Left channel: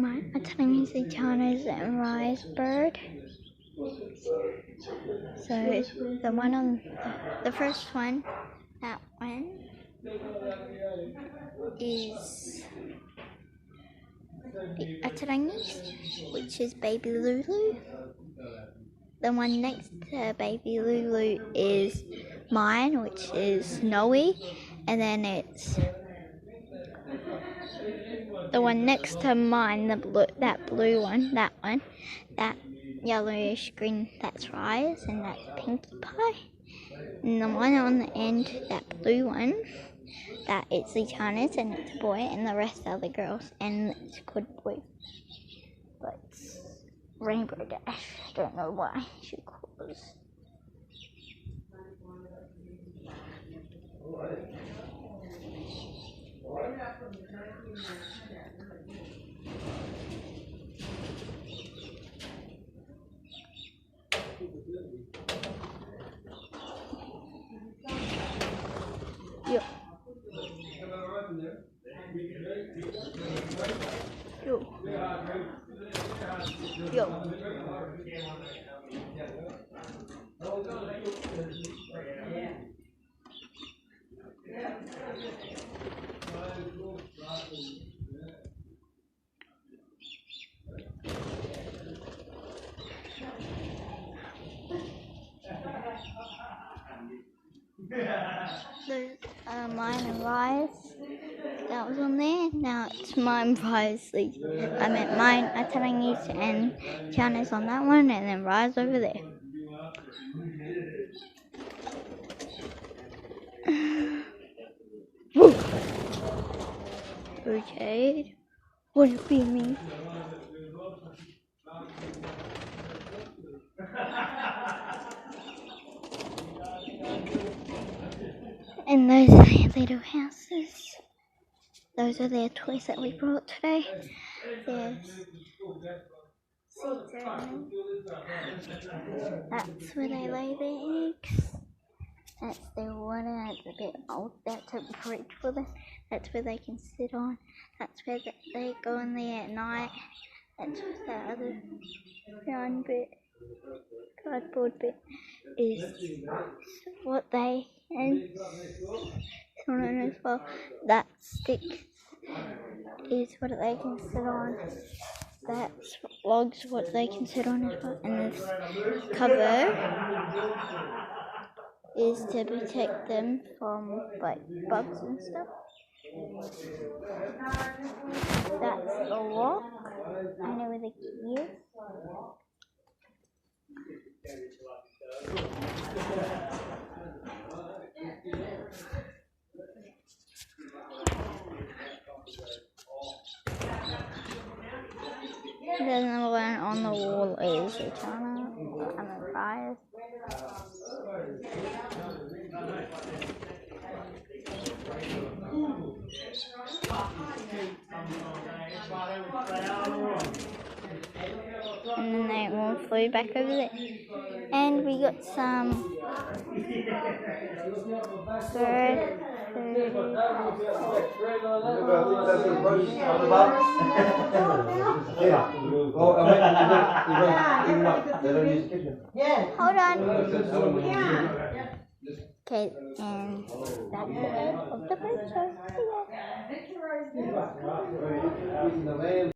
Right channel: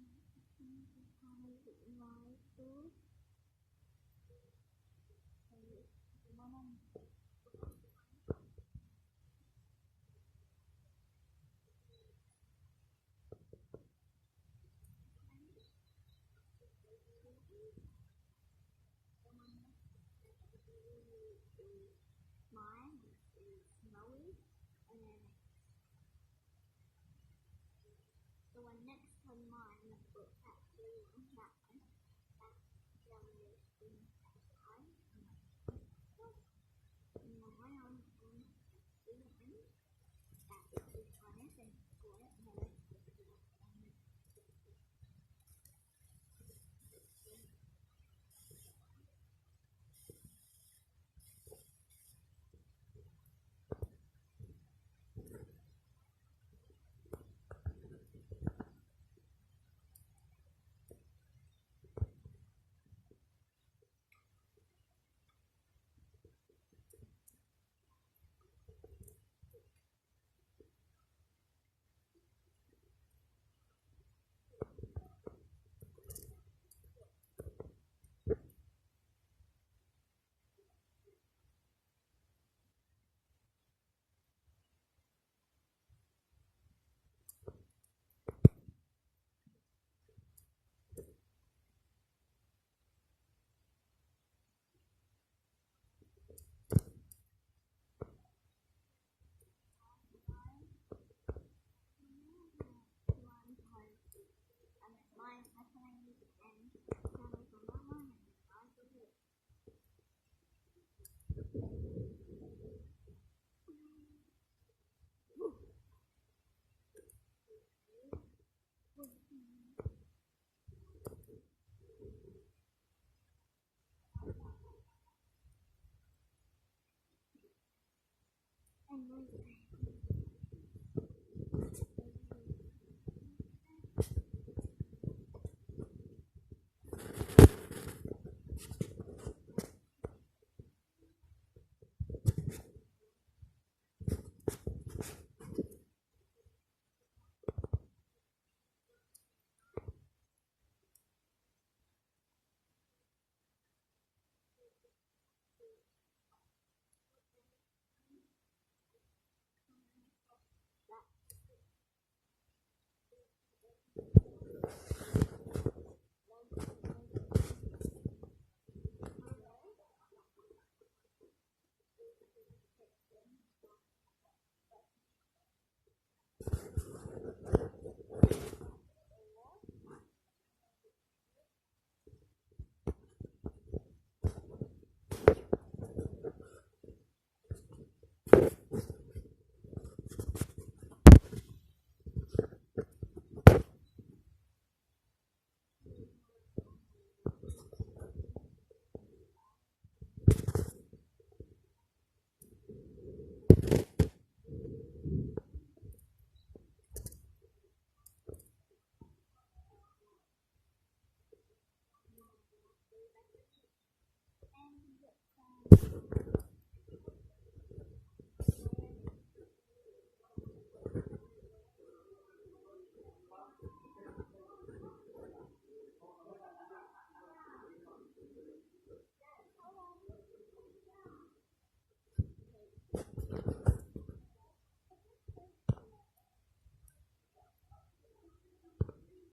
My Chinese China's and rice bird. So the one on the first one, that one is a Chinese, which is baby Lulu. The one next to baby Lulu is mine, which is snowy, and then it's the one next to mine, that blue one, that yellowish green, that's rice, and that's Pinkie Pie. And the one on the end, that blue one, that it's the Chinese and it's a boy, and the rest are the girls, and it's called boy. But it's Rainbow Dash. I don't know why she calls. Yo. Yo. Yo. There's mine and rice. That was on there. Now it's mine, rice. I meant mine, Chinese and China's on that one, and then rice over there. Okay. What do you be me? And those are their little houses. Those are their toys that we brought today. There's that's where they lay their eggs. That's their water. It's a bit old. That's a bridge for them. That's where they can sit on. That's where they go in there at night. That's the other round bit, cardboard bit, is what they and someone as well. That stick is what they can sit on. That's logs what they can sit on as well. And this cover is to protect them from like bugs and stuff. That's the lock. I know where the key is. There's another one on the wall is China. I'm a rice. And then they all flew back over there. And we got some bird food. Hold on. Okay, and that's the end of the bird show. See ya.